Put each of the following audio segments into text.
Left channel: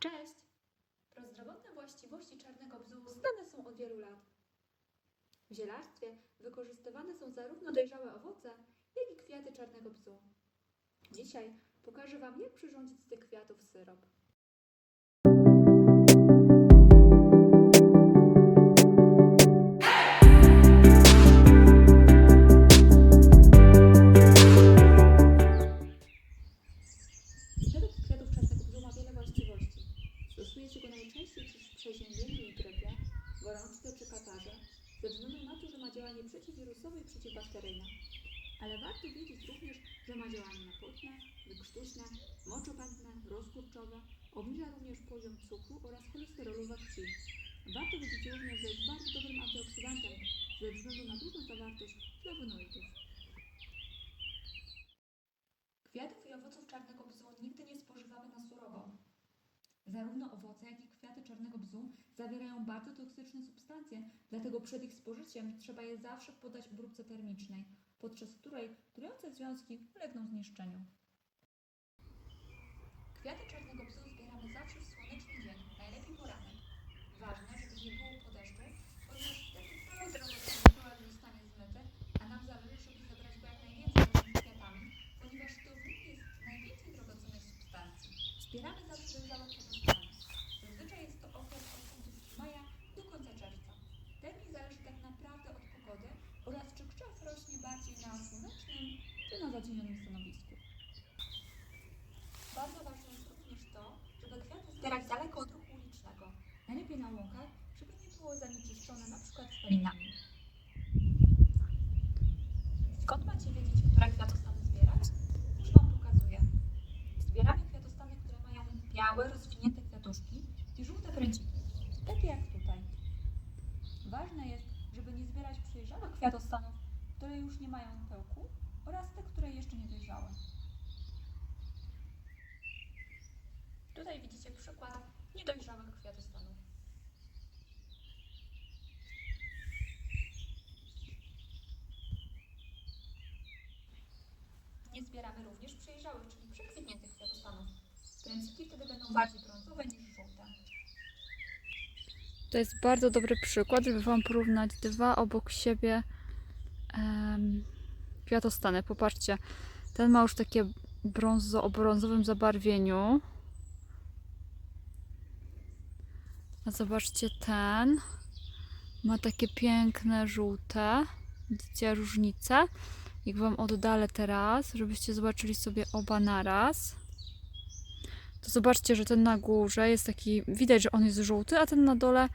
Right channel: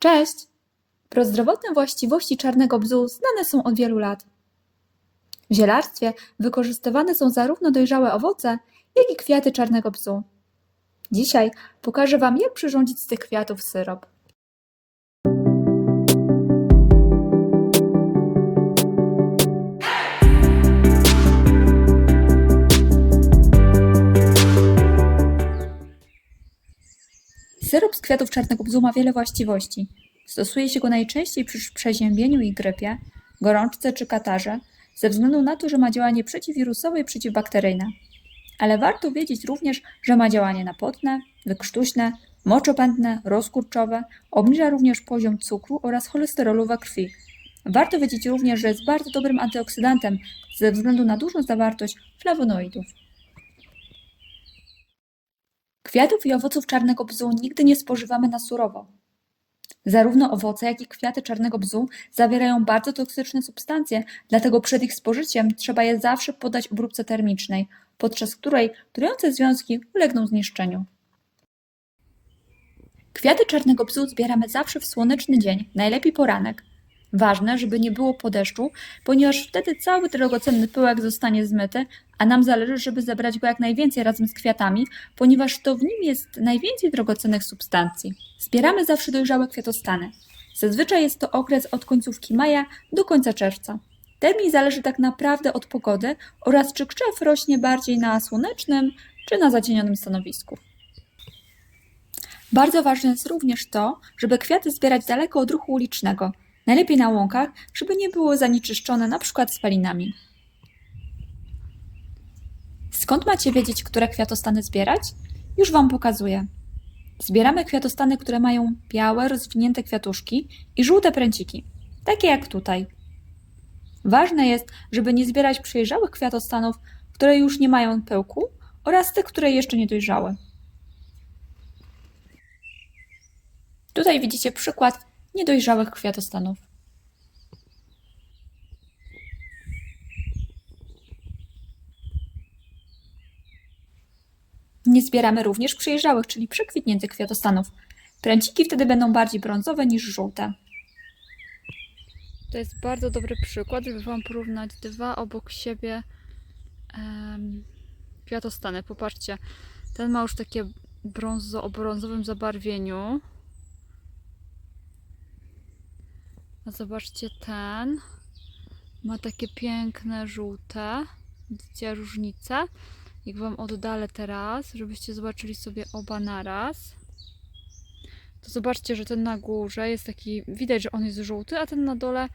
Cześć! Prozdrowotne właściwości czarnego bzu znane są od wielu lat. W zielarstwie wykorzystywane są zarówno dojrzałe owoce, jak i kwiaty czarnego bzu. Dzisiaj pokażę Wam, jak przyrządzić z tych kwiatów syrop. Syrop z kwiatów czarnego bzu ma wiele właściwości. Stosuje się go najczęściej przy przeziębieniu i grypie, gorączce czy katarze, ze względu na to, że ma działanie przeciwwirusowe i przeciwbakteryjne. Ale warto wiedzieć również, że ma działanie napotne, wykrztuśne, moczopędne, rozkurczowe, obniża również poziom cukru oraz cholesterolu we krwi. Warto wiedzieć również, że jest bardzo dobrym antyoksydantem ze względu na dużą zawartość flawonoidów. Kwiatów i owoców czarnego bzu nigdy nie spożywamy na surowo. Zarówno owoce, jak i kwiaty czarnego bzu zawierają bardzo toksyczne substancje, dlatego przed ich spożyciem trzeba je zawsze podać obróbce termicznej, podczas której trujące związki ulegną zniszczeniu. Kwiaty czarnego bzu zbieramy zawsze w słoneczny dzień, najlepiej poranek. Ważne, żeby nie było po deszczu, ponieważ wtedy cały drogocenny pyłek zostanie zmyty, a nam zależy, żeby zebrać go jak najwięcej razem z kwiatami, ponieważ to w nim jest najwięcej drogocennych substancji. Zbieramy zawsze dojrzałe kwiatostany. Zazwyczaj jest to okres od końcówki maja do końca czerwca. Termin zależy tak naprawdę od pogody oraz czy krzew rośnie bardziej na słonecznym czy na zacienionym stanowisku. Bardzo ważne jest również to, żeby kwiaty zbierać daleko od ruchu ulicznego, najlepiej na łąkach, żeby nie było zanieczyszczone np. spalinami. Skąd macie wiedzieć, które kwiatostany zbierać? Już Wam pokazuję. Zbieramy kwiatostany, które mają białe, rozwinięte kwiatuszki i żółte pręciki, takie jak tutaj. Ważne jest, żeby nie zbierać przejrzałych kwiatostanów, które już nie mają pyłku oraz tych, które jeszcze nie dojrzały. Tutaj widzicie przykład niedojrzałych kwiatostanów. Nie zbieramy również przejrzałych, czyli przekwitniętych kwiatostanów. Pręciki wtedy będą bardziej brązowe niż żółte. To jest bardzo dobry przykład, żeby Wam porównać dwa obok siebie em, kwiatostany. Popatrzcie, ten ma już takie brązo, o brązowym zabarwieniu. A zobaczcie ten. Ma takie piękne żółte. Widzicie różnicę? Jak Wam oddalę teraz, żebyście zobaczyli sobie oba naraz. To zobaczcie, że ten na górze jest taki, widać, że on jest żółty, a ten na dole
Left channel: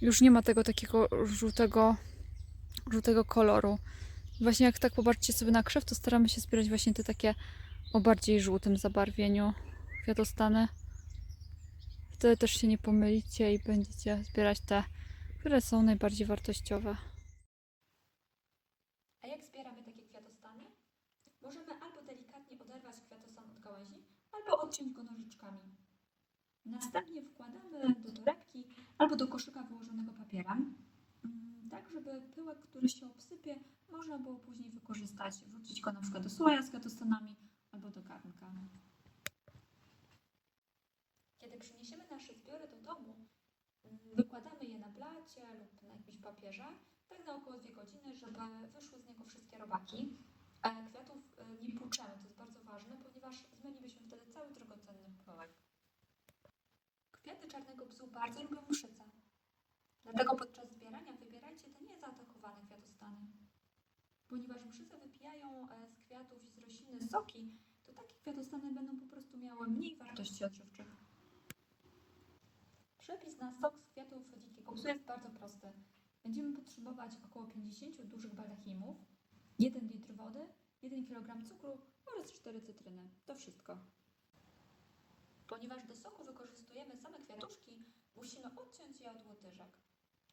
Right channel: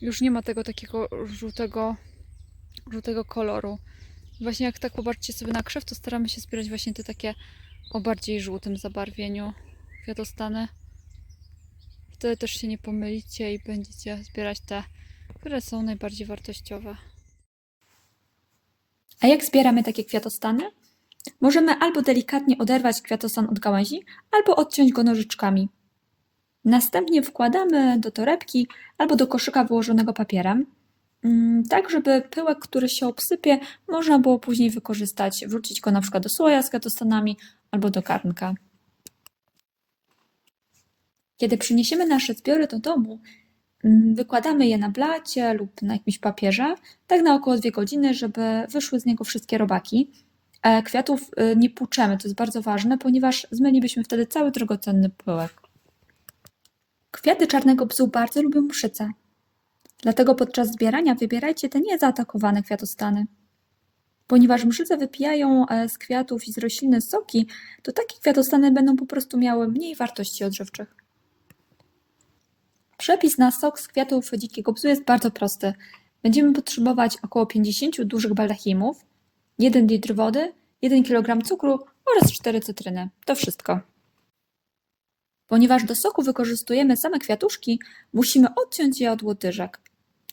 już nie ma tego takiego żółtego, żółtego koloru. Właśnie jak tak popatrzcie sobie na krzew, to staramy się zbierać właśnie te takie o bardziej żółtym zabarwieniu kwiatostany. Wtedy też się nie pomylicie i będziecie zbierać te, które są najbardziej wartościowe. A jak zbieramy takie kwiatostany? Możemy albo delikatnie oderwać kwiatostan od gałęzi, albo odciąć go nożyczkami. Następnie wkładamy do torebki albo do koszyka wyłożonego papierem, mm, tak żeby pyłek, który się obsypie, można było później wykorzystać, wrzucić go na przykład do słoja z kwiatostanami albo do garnka. Kiedy przyniesiemy nasze zbiory do domu, mm, wykładamy je na blacie lub na jakimś papierze, tak na około 2 godziny, żeby wyszły z niego wszystkie robaki. E, Kwiatów y, nie płuczemy, to jest bardzo ważne, ponieważ zmylibyśmy wtedy cały drogocenny pyłek. Kwiaty czarnego bzu bardzo lubią mszyce. Dlatego podczas zbierania wybierajcie te niezaatakowane kwiatostany. Ponieważ mszyce wypijają e, z kwiatów i z rośliny soki, to takie kwiatostany będą po prostu miały mniej wartości odżywczych. Przepis na sok z kwiatów dzikiego bzu jest bardzo prosty. Będziemy potrzebować około 50 dużych baldachimów, 1 litr wody, 1 kg cukru oraz 4 cytryny. To wszystko. Ponieważ do soku wykorzystujemy same kwiatuszki, musimy odciąć je od łodyżek.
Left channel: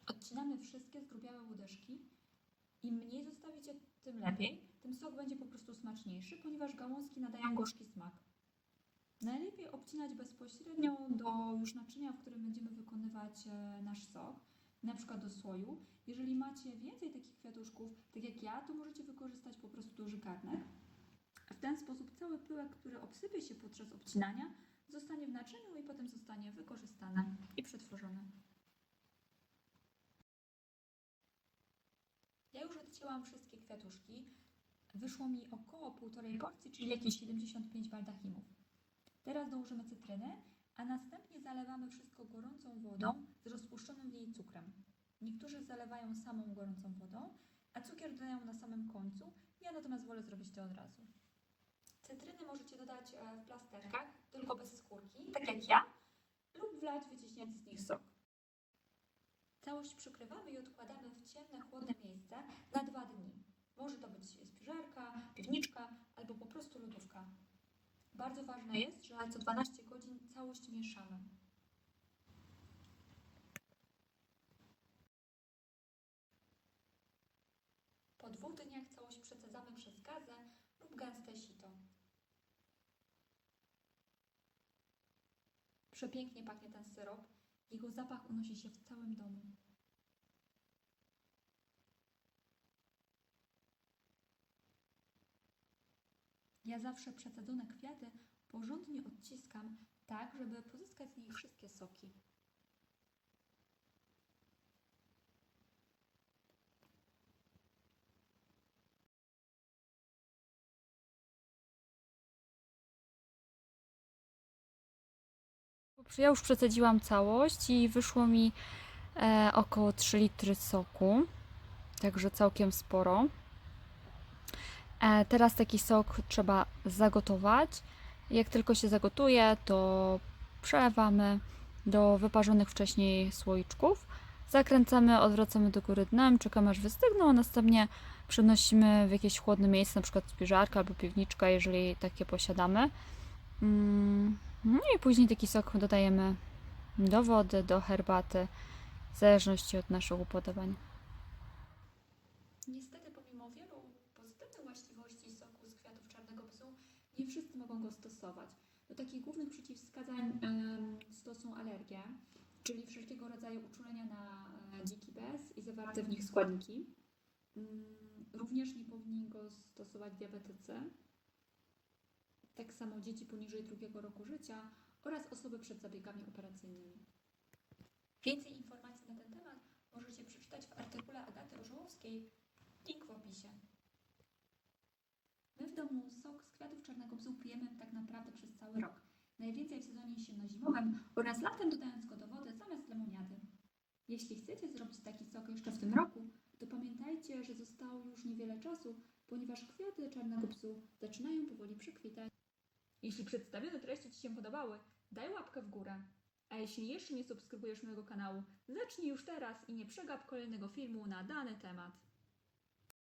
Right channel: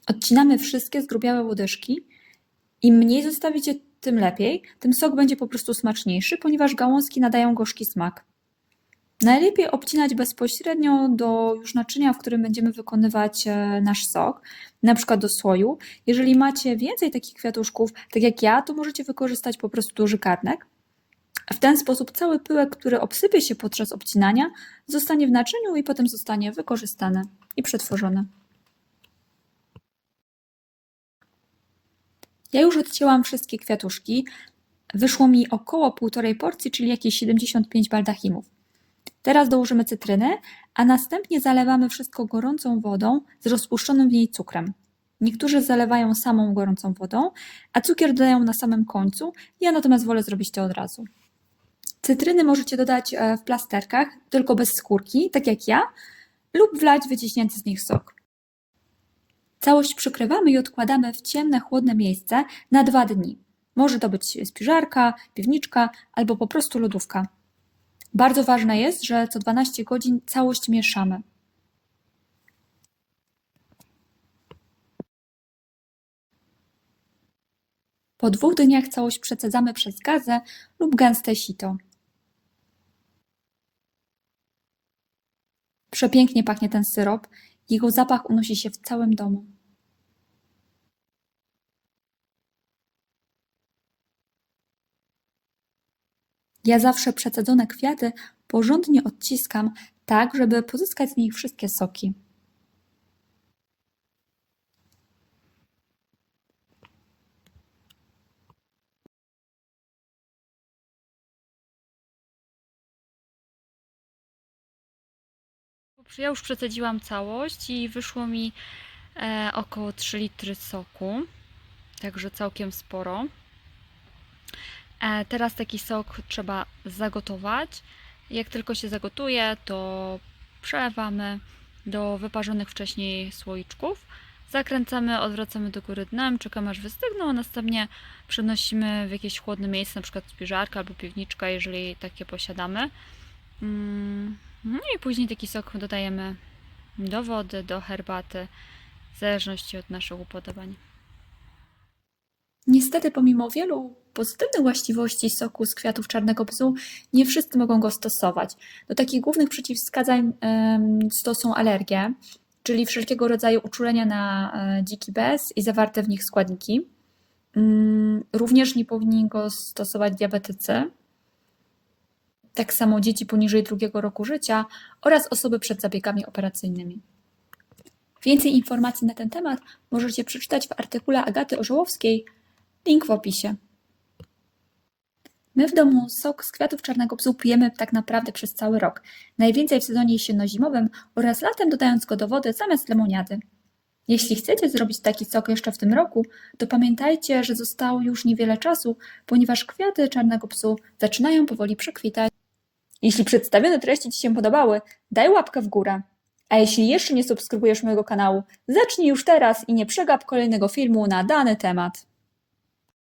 Odcinamy wszystkie zgrubiałe łodyżki. Im mniej zostawicie, tym lepiej. Tym sok będzie po prostu smaczniejszy, ponieważ gałązki nadają gorzki smak. Najlepiej obcinać bezpośrednio do już naczynia, w którym będziemy wykonywać e, nasz sok, na przykład do słoju. Jeżeli macie więcej takich kwiatuszków, tak jak ja, to możecie wykorzystać po prostu duży garnek. W ten sposób cały pyłek, który obsypie się podczas obcinania, zostanie w naczyniu i potem zostanie wykorzystany i przetworzony. Ja już odcięłam wszystkie kwiatuszki. Wyszło mi około półtorej porcji, czyli jakieś 75 baldachimów. Teraz dołożymy cytryny, a następnie zalewamy wszystko gorącą wodą z rozpuszczonym w niej cukrem. Niektórzy zalewają samą gorącą wodą, a cukier dodają na samym końcu. Ja natomiast wolę zrobić to od razu. Cytryny możecie dodać e, w plasterkach, tylko bez skórki, tak jak ja, lub wlać wyciśnięty z nich sok. Całość przykrywamy i odkładamy w ciemne, chłodne miejsce na dwa dni. Może to być spiżarka, piwniczka albo po prostu lodówka. Bardzo ważne jest, że co 12 godzin całość mieszamy. Po dwóch dniach całość przecedzamy przez gazę lub gęste sito. Przepięknie pachnie ten syrop. Jego zapach unosi się w całym domu. Ja zawsze przecedzone kwiaty porządnie odciskam, tak żeby pozyskać z nich wszystkie soki. Ja już przecedziłam całość i wyszło mi e, około 3 litry soku, także całkiem sporo. E, teraz taki sok trzeba zagotować. Jak tylko się zagotuje, to przelewamy do wyparzonych wcześniej słoiczków. Zakręcamy, odwracamy do góry dnem, czekamy aż wystygną, a następnie przenosimy w jakieś chłodne miejsce, na przykład spiżarkę albo piwniczka, jeżeli takie posiadamy. Mm, No i później taki sok dodajemy do wody, do herbaty, w zależności od naszych upodobań. Niestety, pomimo wielu pozytywnych właściwości soku z kwiatów czarnego psu, nie wszyscy mogą go stosować. Do takich głównych przeciwwskazań to są alergie, czyli wszelkiego rodzaju uczulenia na e, dziki bez i zawarte w nich składniki. Mm, Również nie powinni go stosować diabetycy, tak samo dzieci poniżej drugiego roku życia oraz osoby przed zabiegami operacyjnymi. Więcej informacji na ten temat możecie przeczytać w artykule Agaty Orzełowskiej Link w opisie. My w domu sok z kwiatów czarnego psu pijemy tak naprawdę przez cały rok. Najwięcej w sezonie jesienno-zimowym oraz latem dodając go do wody zamiast lemoniady. Jeśli chcecie zrobić taki sok jeszcze w tym roku, to pamiętajcie, że zostało już niewiele czasu, ponieważ kwiaty czarnego psu zaczynają powoli przekwitać. Jeśli przedstawione treści Ci się podobały, daj łapkę w górę. A jeśli jeszcze nie subskrybujesz mojego kanału, zacznij już teraz i nie przegap kolejnego filmu na dany temat.